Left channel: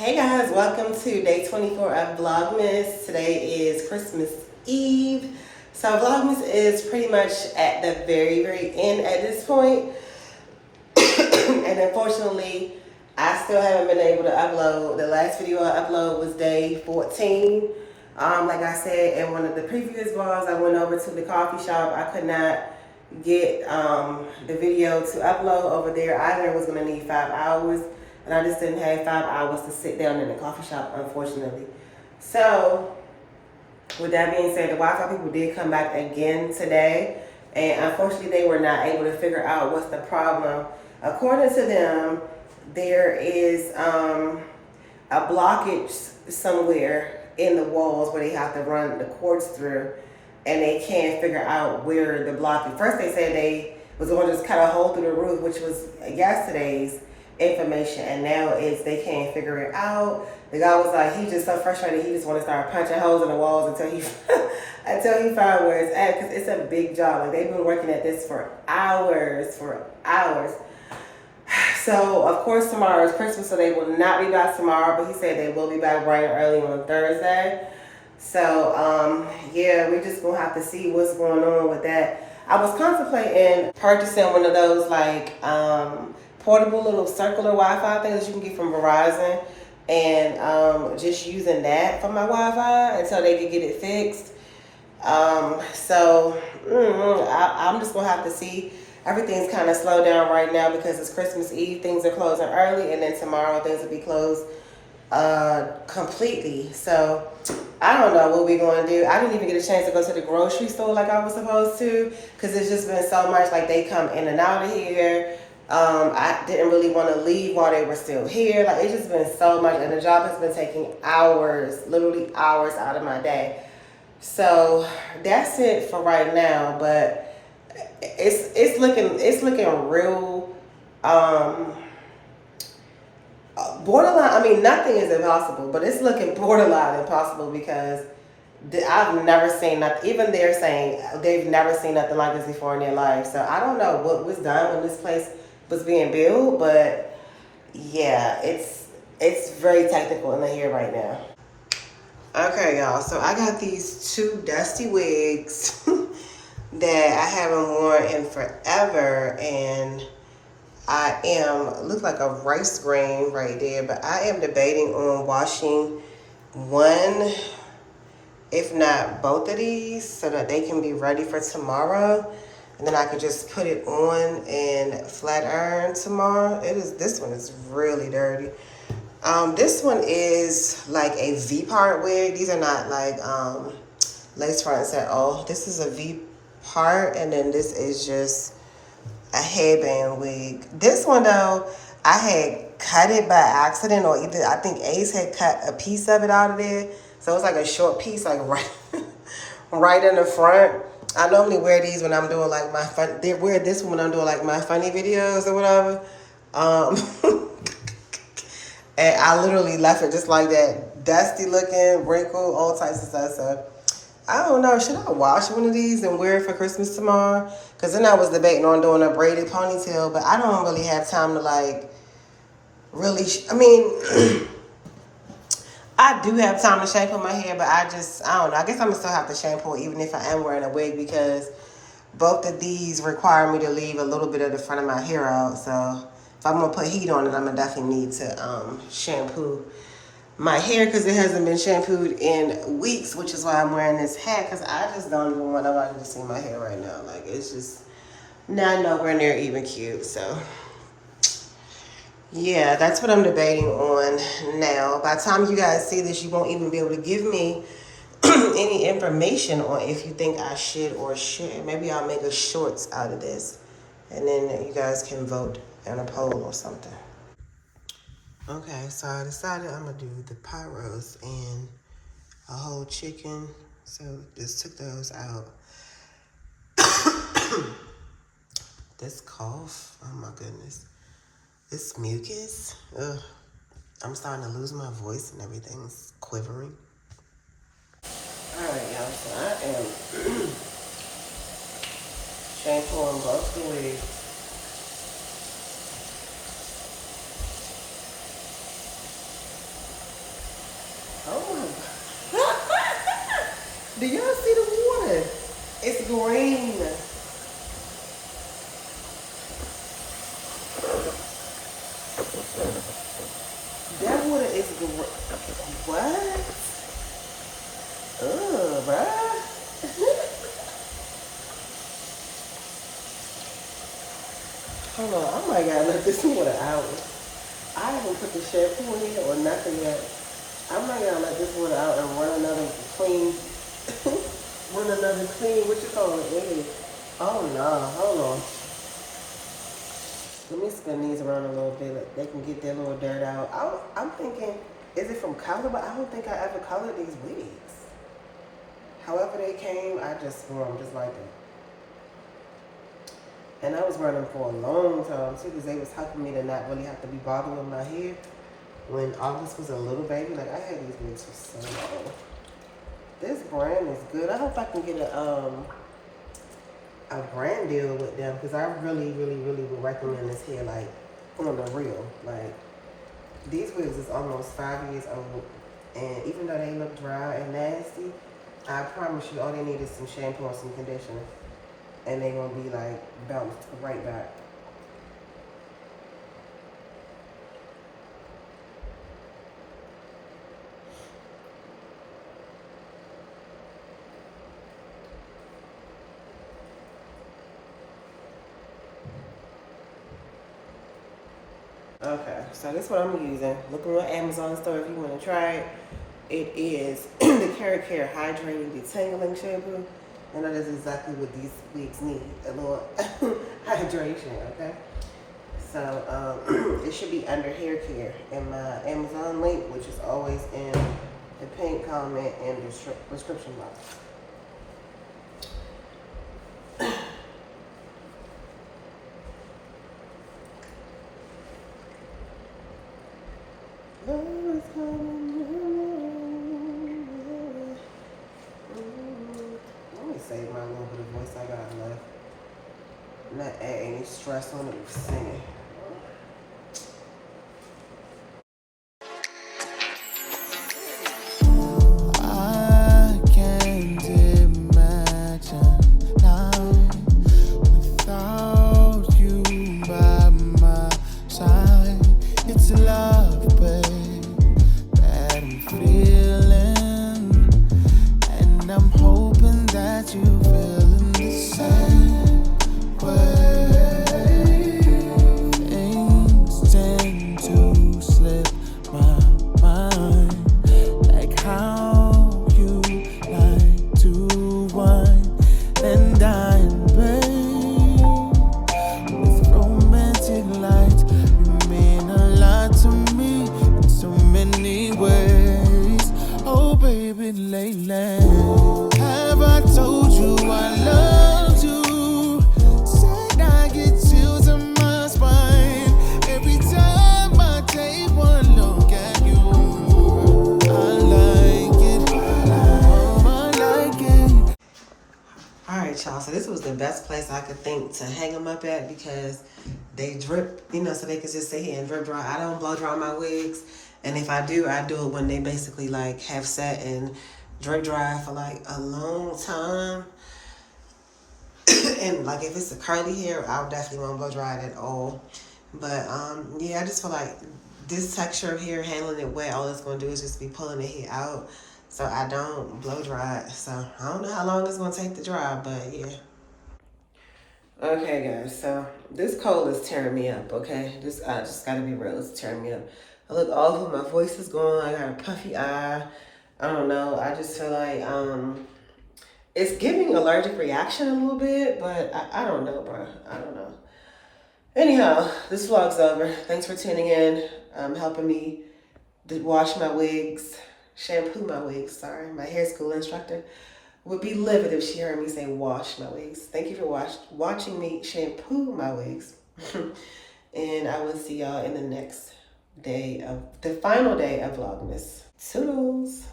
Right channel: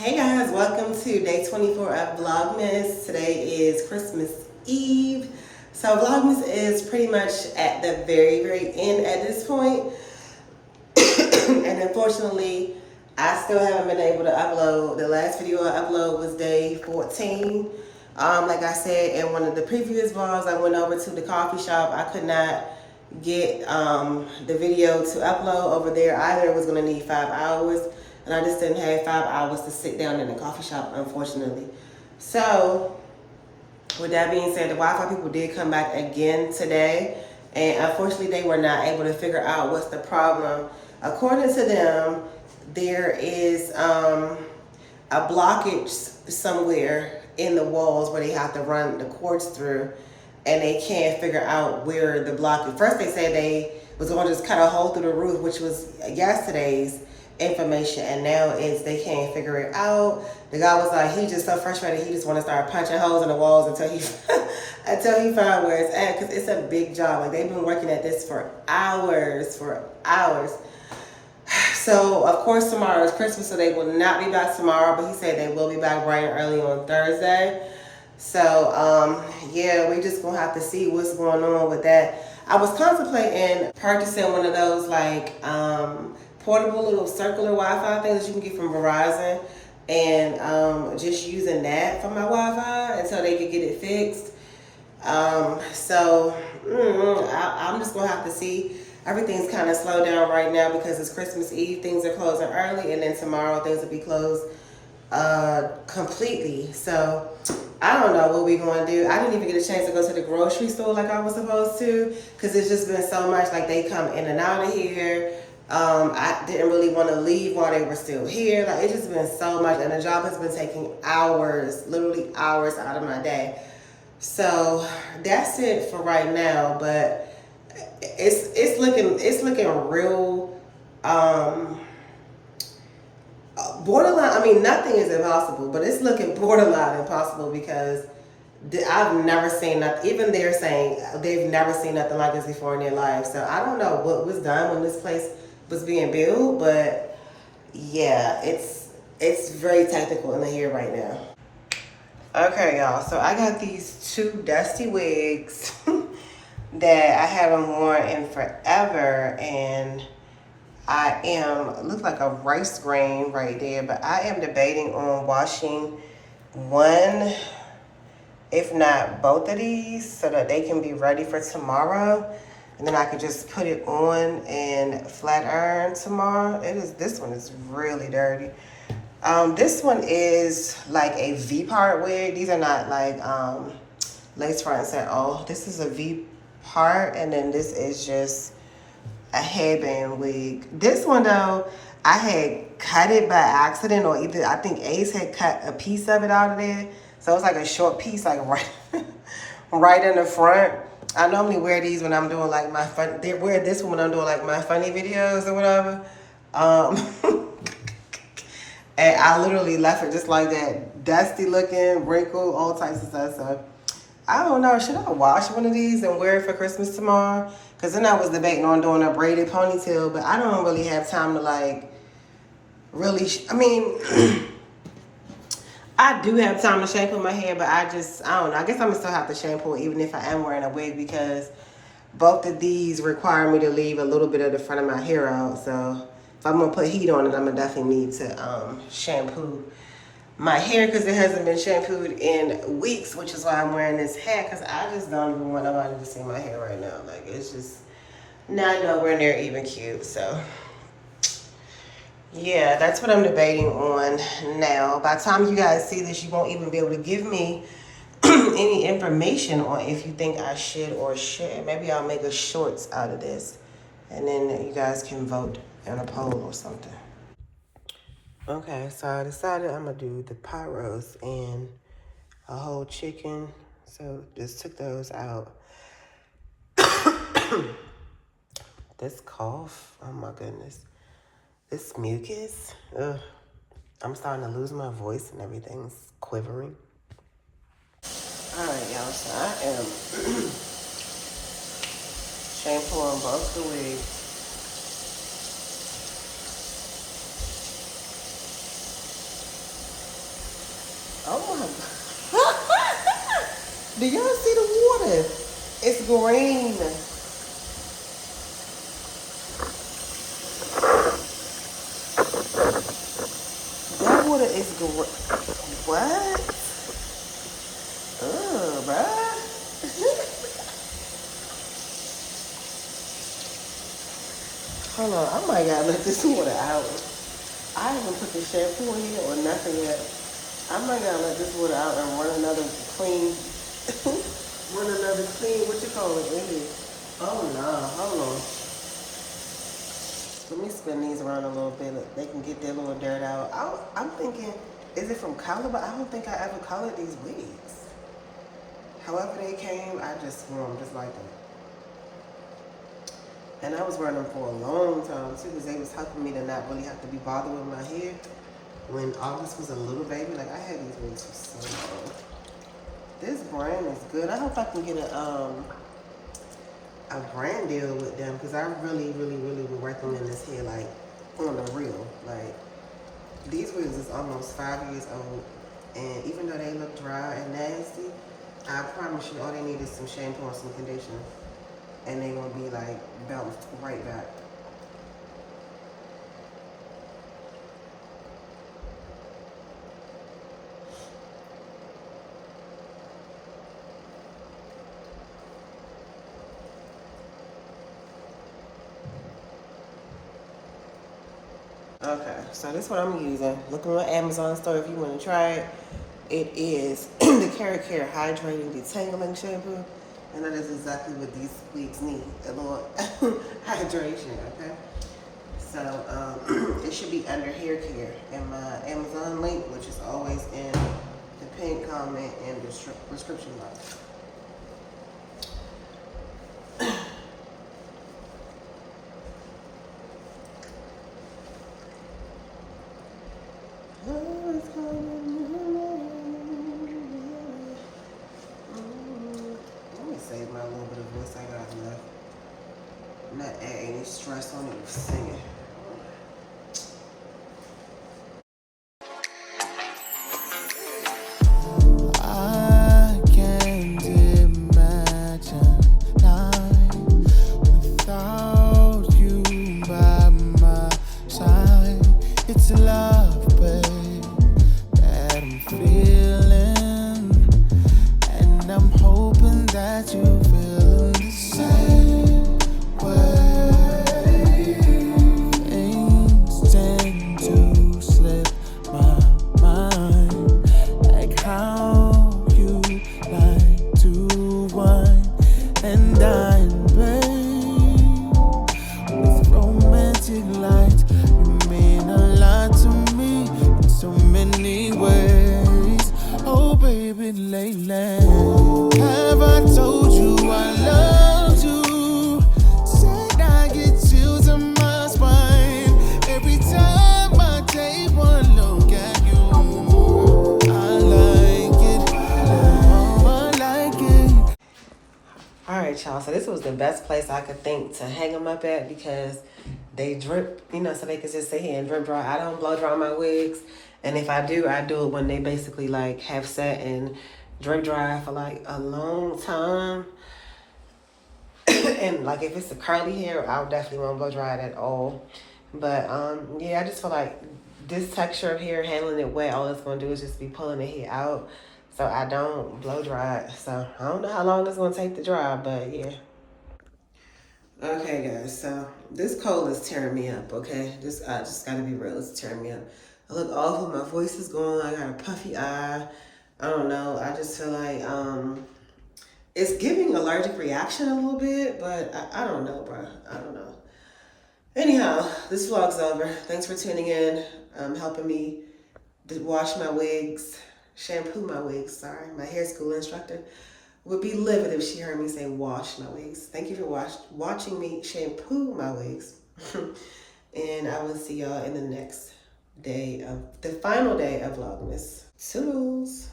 Hey guys, welcome to day 24 of Vlogmas. Today is Christmas Eve. So Vlogmas is pretty much at the very end at this point. And unfortunately, I still haven't been able to upload. The last video I uploaded was day 14. Like I said in one of the previous vlogs, I went over to the coffee shop. I could not get the video to upload over there either. It was going to need 5 hours. And I just didn't have 5 hours to sit down in the coffee shop, unfortunately. So, with that being said, the Wi-Fi people did come back again today. And unfortunately, they were not able to figure out what's the problem. According to them, there is a blockage somewhere in the walls where they have to run the cords through. And they can't figure out where the blockage. First, they said they was going to just cut a hole through the roof, which was yesterday's information, and now they can't figure it out. The guy was like, he just so frustrated, he just want to start punching holes in the walls until he find where it's at, because it's a big job. Like, they've been working at this for hours. So of course tomorrow is Christmas, so they will not be back tomorrow, but he said they will be back bright and early on Thursday. So yeah, we just gonna have to see what's going on with that. I was contemplating purchasing one of those like portable little circular Wi-Fi things that you can get from Verizon, and just using that for my Wi-Fi until they could get it fixed. I'm just gonna have to see. Everything's kind of slowed down right now because it's Christmas Eve. Things are closing early, and then tomorrow things will be closed completely. So I don't know what we're going to do. I didn't even get a chance to go to the grocery store like I was supposed to, because it's just been so much. Like, they come in and out of here. I didn't really want to leave while they were still here. Like, it's just been so much, and the job has been taking hours, literally hours out of my day. So that's it for right now. But it's looking real borderline. I mean, nothing is impossible, but it's looking borderline impossible because I've never seen nothing. Even they're saying they've never seen nothing like this before in their life. So I don't know what was done when this place was being built, but yeah, it's very technical in here right now. Okay, y'all. So I got these two dusty wigs that I haven't worn in forever, and look like a rice grain right there, but I am debating on washing one, if not both of these, so that they can be ready for tomorrow. And then I could just put it on and flat iron tomorrow. This one is really dirty. This one is like a V-part wig. These are not like lace fronts at all. This is a V-part, and then this is just a headband wig. This one though, I had cut it by accident, or either I think Ace had cut a piece of it out of there. So it's like a short piece, like right in the front. I normally wear these when I'm doing like my fun. They wear this one when I'm doing like my funny videos or whatever. And I literally left it just like that, dusty looking, wrinkled, all types of stuff. So I don't know, should I wash one of these and wear it for Christmas tomorrow? Because then I was debating on doing a braided ponytail, but I don't really have time to like really, I do have time to shampoo my hair, but I don't know. I guess I'm gonna still have to shampoo even if I am wearing a wig, because both of these require me to leave a little bit of the front of my hair out. So if I'm gonna put heat on it, I'm gonna definitely need to shampoo my hair, because it hasn't been shampooed in weeks, which is why I'm wearing this hat, because I just don't even want nobody to see my hair right now. Like, it's just not nowhere near even cute. So yeah, that's what I'm debating on now. By the time you guys see this, you won't even be able to give me any information on if you think I should or shouldn't. Maybe I'll make a shorts out of this, and then you guys can vote on a poll or something. Okay, so I decided I'm gonna do the pot roast and a whole chicken. So just took those out. This cough, oh my goodness. This mucus, ugh. I'm starting to lose my voice and everything's quivering. All right, y'all, so I am shampooing both the wigs. Oh my God. Do y'all see the water? It's green. That water is green. What? Ugh, bruh. Hold on, I might gotta let this water out. I haven't put the shampoo in here or nothing yet. I might gotta let this water out and run another clean, what you call it, in here. Oh no, hold on. Let me spin these around a little bit. They can get their little dirt out. I'm thinking, is it from color? But I don't think I ever colored these wigs. However they came, I just threw them just like that. And I was running for a long time too, because they was helping me to not really have to be bothered with my hair. When August was a little baby, like I had these wigs for so long. This brand is good. I hope I can get a brand deal with them, because I really would recommend this hair, like on the real. Like these wigs is almost 5 years old, and even though they look dry and nasty, I promise you all they need is some shampoo and some conditioner, and they're gonna be like bounced right back. Okay, so this is what I'm using. Look on my Amazon store if you want to try it. It is the Carrot Care Hydrating Detangling Shampoo. And that is exactly what these wigs need, a little hydration, okay? So it should be under hair care in my Amazon link, which is always in the pinned comment and the description box. Let me save my little bit of voice I got left. Not add any stress on it with singing. I can't imagine life without you by my side. It's love, babe, that I'm feeling, and I'm hoping that you feeling the same way. Things tend to slip my mind, like how you like to wine and dine, babe, with romantic lights. You mean a lot to me in so many ways. Oh baby, lately have I told you I loved you? Said I get chills in my spine every time I take one look at you. I like it, oh I like it. All right, y'all. So this was the best place I could think to hang them up at, because they drip, you know, so they could just sit here and drip dry. I don't blow dry my wigs, and if I do it when they basically like have sat and drip dry for like a long time. And like if it's a curly hair, I definitely won't blow dry it at all. But yeah, I just feel like this texture of hair, handling it wet, all it's gonna do is just be pulling the hair out. So I don't blow dry it. So I don't know how long it's gonna take to dry, but yeah. Okay guys, so this cold is tearing me up, okay? I just gotta be real, it's tearing me up. I look awful, my voice is going, I got a puffy eye. I don't know, I just feel like it's giving allergic reaction a little bit, but I don't know, bro. I don't know. Anyhow, this vlog's over. Thanks for tuning in, helping me to wash my wigs, shampoo my wigs, sorry. My hair school instructor would be livid if she heard me say wash my wigs. Thank you for watching me shampoo my wigs. And I will see y'all in the next day the final day of Vlogmas. Toodles.